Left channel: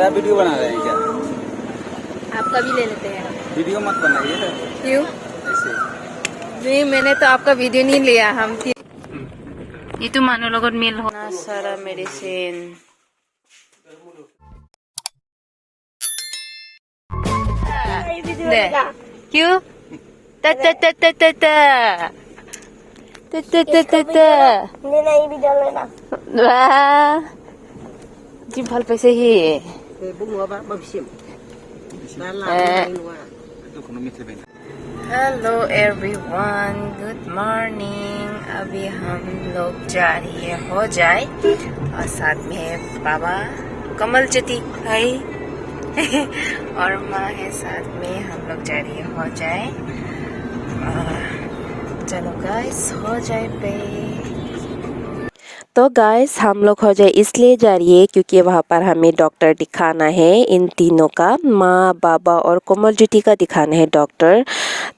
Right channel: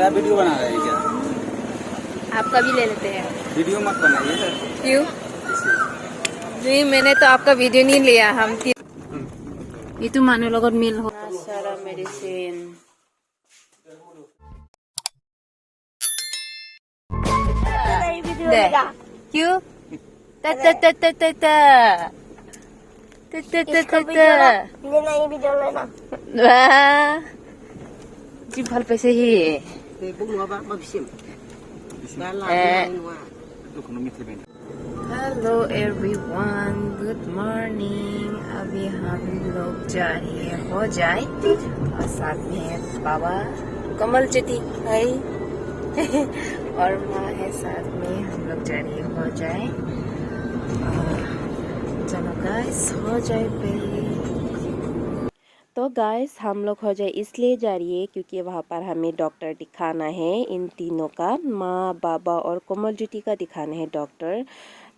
मेरा वीडियो बना रहे हैं क्या? आपका भी ले लेते हैं। वीडियो मत बनाइए सर। क्यों? नहीं, मैंने तो आपका वीडियो नहीं लिया। हम itu manu logot mil ho nasara medicine deh क्यों ta ta ta ta ta ta ta ta ta ta ta नहीं वीडियो लेना wah जी भल पे से ही हेलो एवरीवन, गुड मॉर्निंग। अभी हम लोग जा रही है हो जाए और साथ में है बाबा कमल ज्योति भाई और माँ है साथ में। हम लोग जा रही है हो जाए। चलो गाइस हो जाए पे। तो गाइस हम लोग हो जाए इसलिए जा रही है क्योंकि वहाँ पर हमें डॉक्टर दिखाना है। इन तीनों का, माँ, बाबा और कोमल ज्योति का दिखाना है डॉक्टर।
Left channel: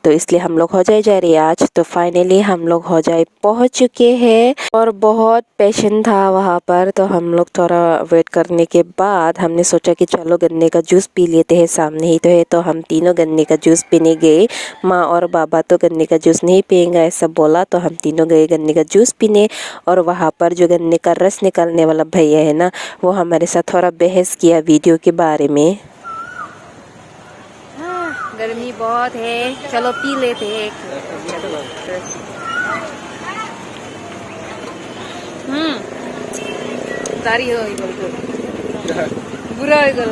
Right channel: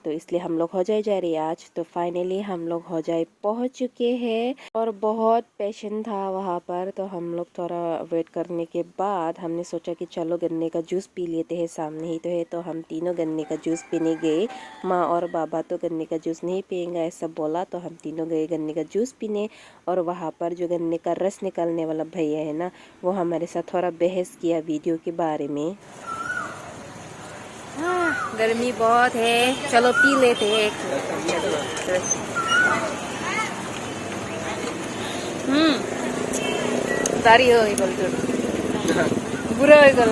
तो इसलिए हम लोग हो जाए जा रही है आज। तो फाइनली हम लोग हो जाए पहुँच चुके हैं और बहुत पेशेंट था वहाँ पर। तो हम लोग थोड़ा वेट करने के बाद हमने सोचा कि चलो गन्ने का जूस पी लेते हैं, सामने ही तो है। तो हम तीनों गन्ने का जूस पीने गए। माँ और बाबा तो गन्ने का जूस नहीं पियेंगे ऐसा बोला, तो हम तीनों गए गन्ने का जूस पीने। और वहाँ पर जो गन्ने का रस निकालने वाला भैया है ना, वो हमारे साथ थोड़ा बहस किया वीडियो के बारे में। गर्मी बहुत है, चलो पी लेते हैं। गाड़ी हो बुरा हो गल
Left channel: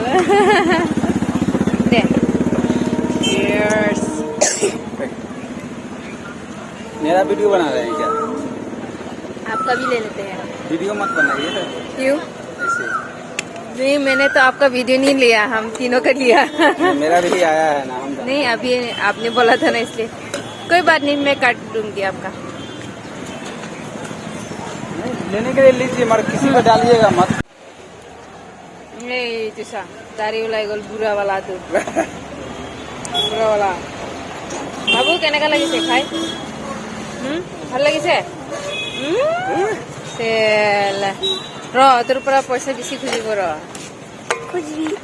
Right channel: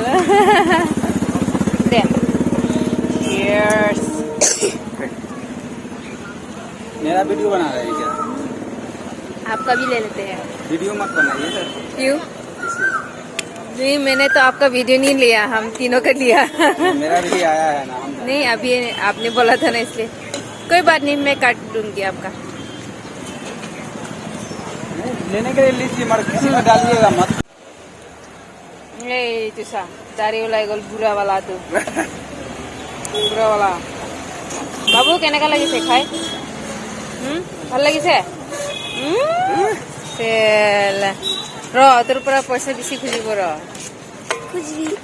मेरा वीडियो बना रहे हैं क्या? आपका भी ले लेते हैं। वीडियो मत बनाइए सर। क्यों? नहीं, मैंने तो आपका वीडियो नहीं लिया, हम तीनों का लिया। मेरा भी आया है। नहीं, अभी आपने बोला था ना इसलिए। कोई बात नहीं, मैं काट दूंगी आपका। लेने के लिए लीजिए मगर किसी को डालिएगा मत। तुसा दाढ़ी वाला गोल बुरा वाला तो बुरा वाला बाबू केनेका লাগিছে খাই ভাল লাগিছে ৰ তোৰ পৰা পইচা বেছি খুজিব ৰ খুজিবি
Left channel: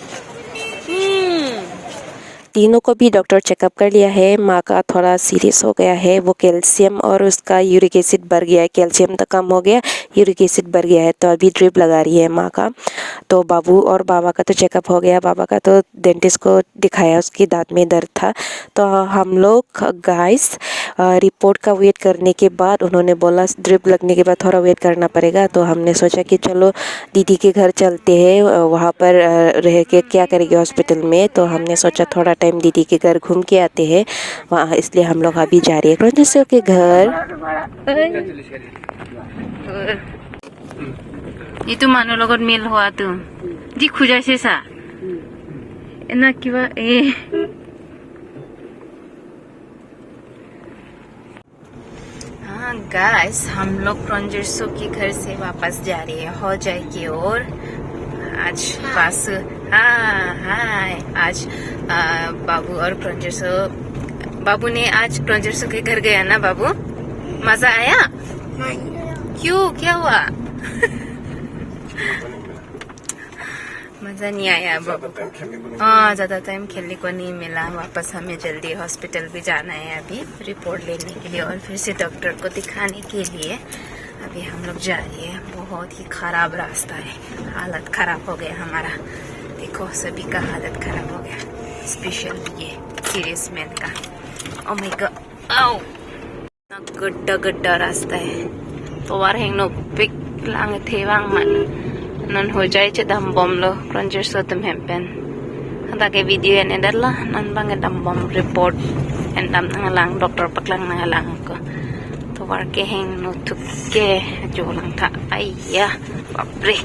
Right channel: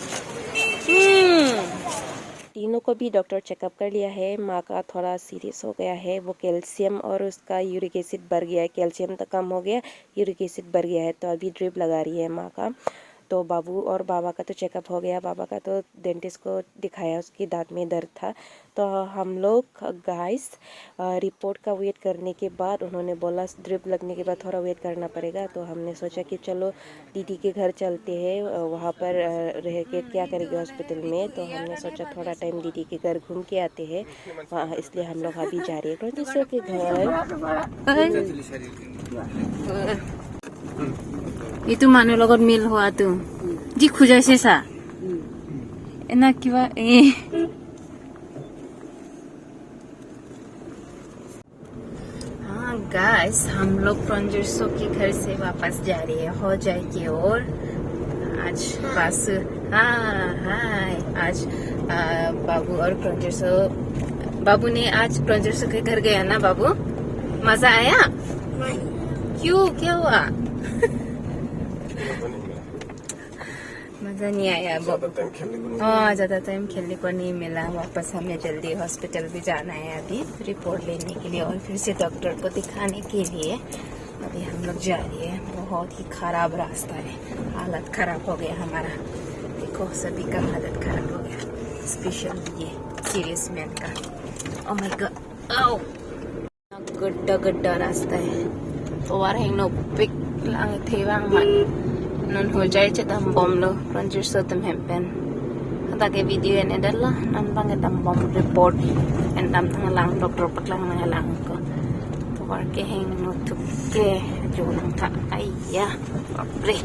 तीनों को भी डॉक्टर चेकअप कर लिया है। माँ का थोड़ा सीरियस हो गया है, वो कैल्शियम और उसका यूरिक एसिड बढ़ गया है। कैल्शियम तो कम हो गया, यूरिक एसिड बढ़ गया है, तो अभी ड्रिप लगा रही है माँ का। तो बाबू और बाबा का तो चेकअप हो गया। बाबा का तो डेंटिस्ट को दिखाया, उसकी दांत में दर्द था। तो हम लोग गाइस रिपोर्ट का वेट करने के बाद उन्होंने बोला ड्रिप लगने के बाद थोड़ा वेट करना पड़ेगा। तो हमने सोचा कि चलो दीदी के घर चलते हैं, वहाँ पर रह के क्या करेंगे हॉस्पिटल में। तो हमने सोचा थोड़ा टाइम दीदी के घर घूम के आते हैं वहाँ, इसलिए हम लोग अभी जा रहे हैं क्रंजर्स के घर। itu manu logot mil hoa tu ji khujaise sa ena kiba हाँ गाइस, हम लोग क्रंजर्सो के घर से वापस जा रहे हैं हो जाए की ओर। आज बस हाय आज बाबू और क्रंजर्सो, बाबू ने आज क्रंजर्सो के घर गया ना बाबू, मजा आया? क्यों, क्या हुआ? मजा नहीं आया बाबू? हाँ, ज्यादा टाइम खेलने को नहीं मिला। वापस हमें जल्दी हॉस्पिटल भी जाना है अभी रिपोर्ट लेने के लिए और फिर से डॉक्टर को दिखाने के लिए। अभी हम लोग जा रहे हैं। बहुत ही खराब रास्ता है, हालत खराब हो गया हमारा। देखो सभी का हालत खराब हो गया, स्पेशल ये सीरियस मैन का। ओह माय गॉड, आओ गड्ढा गड्ढा रास्ता है। तो वार हेंग नो पिक lang thewang man non ho jai che dam bom lo ranger so tem hempen hada ke video en dalla nan bang dam bom report en dam lang doctor paklang lang ko to war ke heng no thuk ke jo lang tha aiya bapre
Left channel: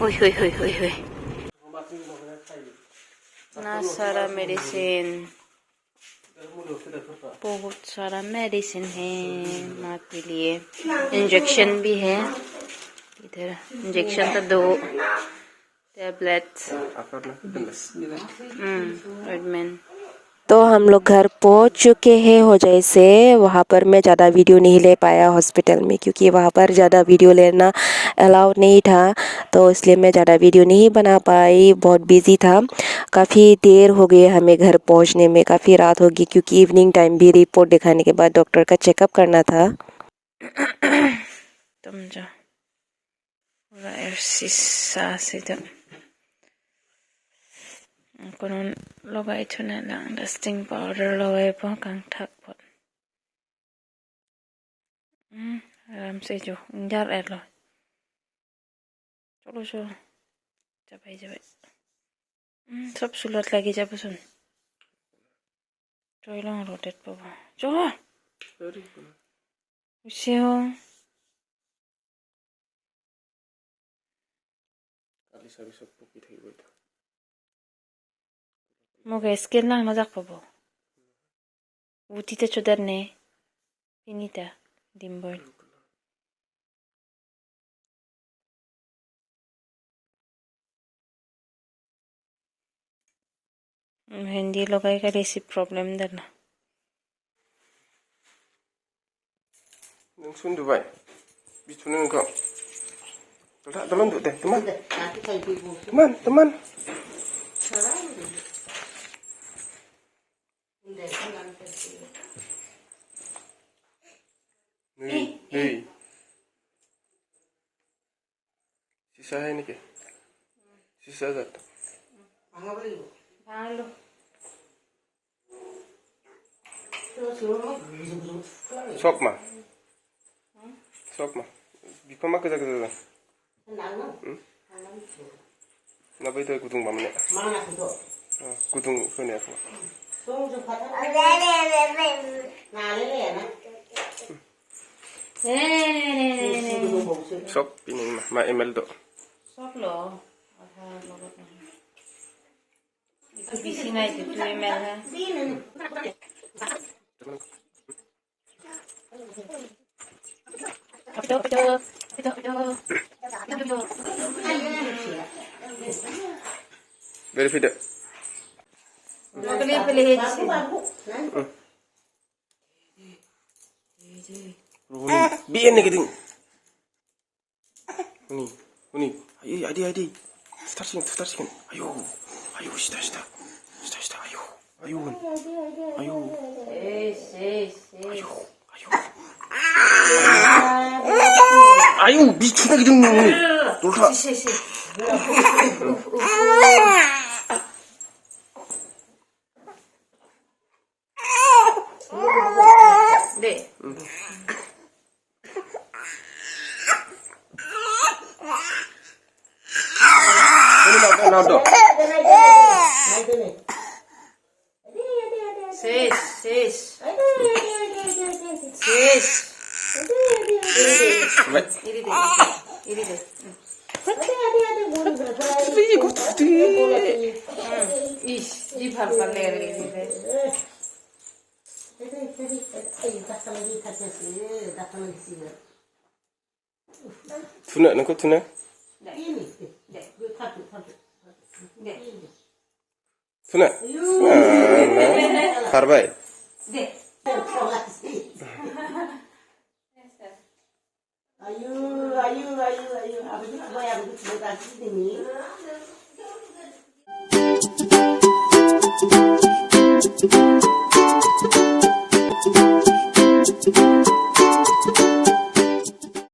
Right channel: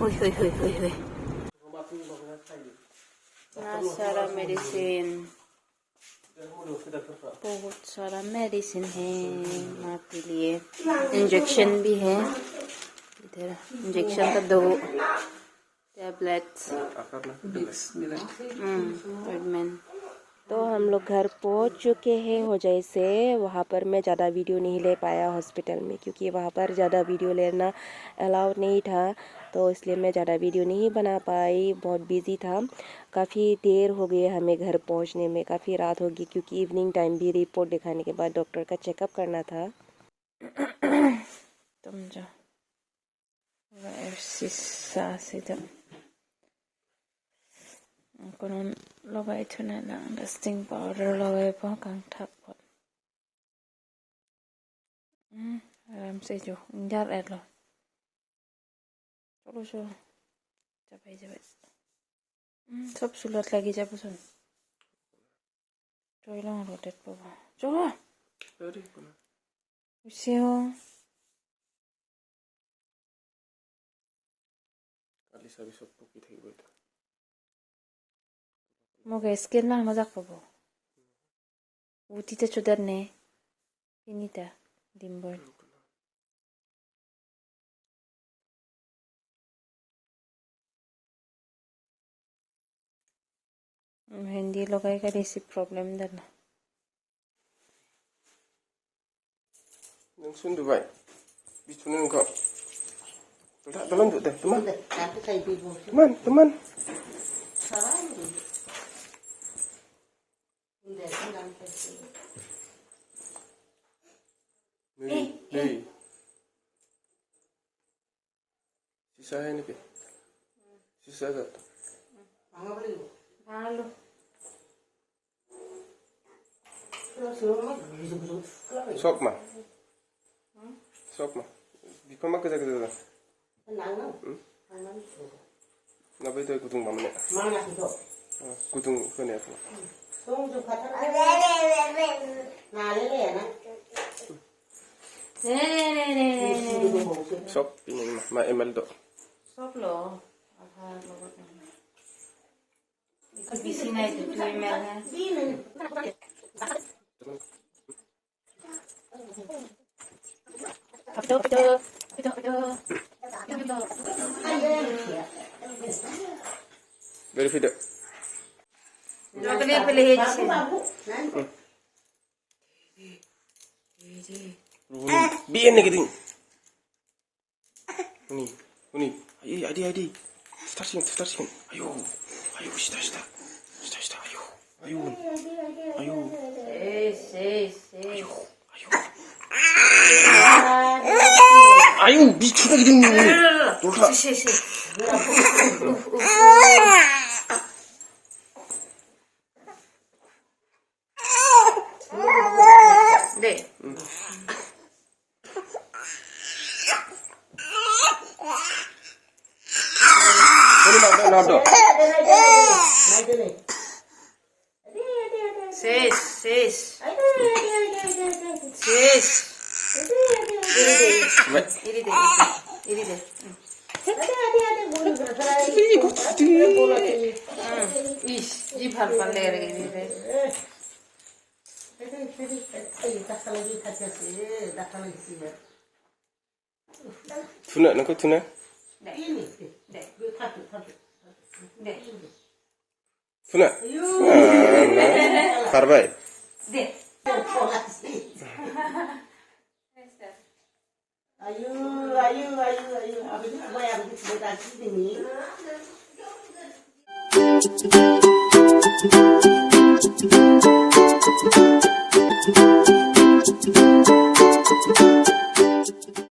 hoi hoi hoi hoi hoi na sara medicine बहुत सारा medicine है माँ के लिए। Injection भी है इधर, injection तो 2 टैबलेट्स रेडमैन। तो तो हम लोग घर पहुंच चुके हैं होजाई से। वहाँ पर मैं ज़्यादा वीडियो नहीं ले पाया हॉस्पिटल में, क्योंकि वहाँ पर ज़्यादा वीडियो लेना अलाउड नहीं था, तो इसलिए मैं ज़्यादा वीडियो नहीं बना पाई, बहुत बिजी था। काफ़ी देर हो गई हमें घर पहुंचने में, काफ़ी रात हो गई, क्योंकि इवनिंग टाइम भी रिपोर्ट दिखाने के बाद डॉक्टर का चेकअप करना था। तुम जो शीशा से जब कोन लगाई थुना लांग डस्टिंग पाउडर लगाए पो कांग ठक पो आराम से जो इंजार एर लो चलो चलो जाबाय जाबाय सब सुलत लागि जाबोसन टयलां रोटेट पाबो जो उसेहो मोगे स्किन लांग मजाक पाबो उतीते चुदरने finita dimboy hindi logai ka resi problem dana nung sun dubai bitu nung kau tak tolong tu deh teman teman Hey, sisa hai ni ke? Sisa kat? halo Sok ma? Bipa ma kerja kerja. Napa itu kutung bamne? Kutung kene apa? Sok ini ma email do. सब लो आधार लोगों ने इसी BC में जो email है Verify deh. लोगों pilih aja Biar nih gitu. Uni. Adi. Start. Ayo. Shita. Ayo. Ayo, bicu lagi dong. Tolong. deh Ini nado. Sis. Ini deh. Di bhal lagi ini. Tuna, nak tuna? Tuna? Parbai. Ayo.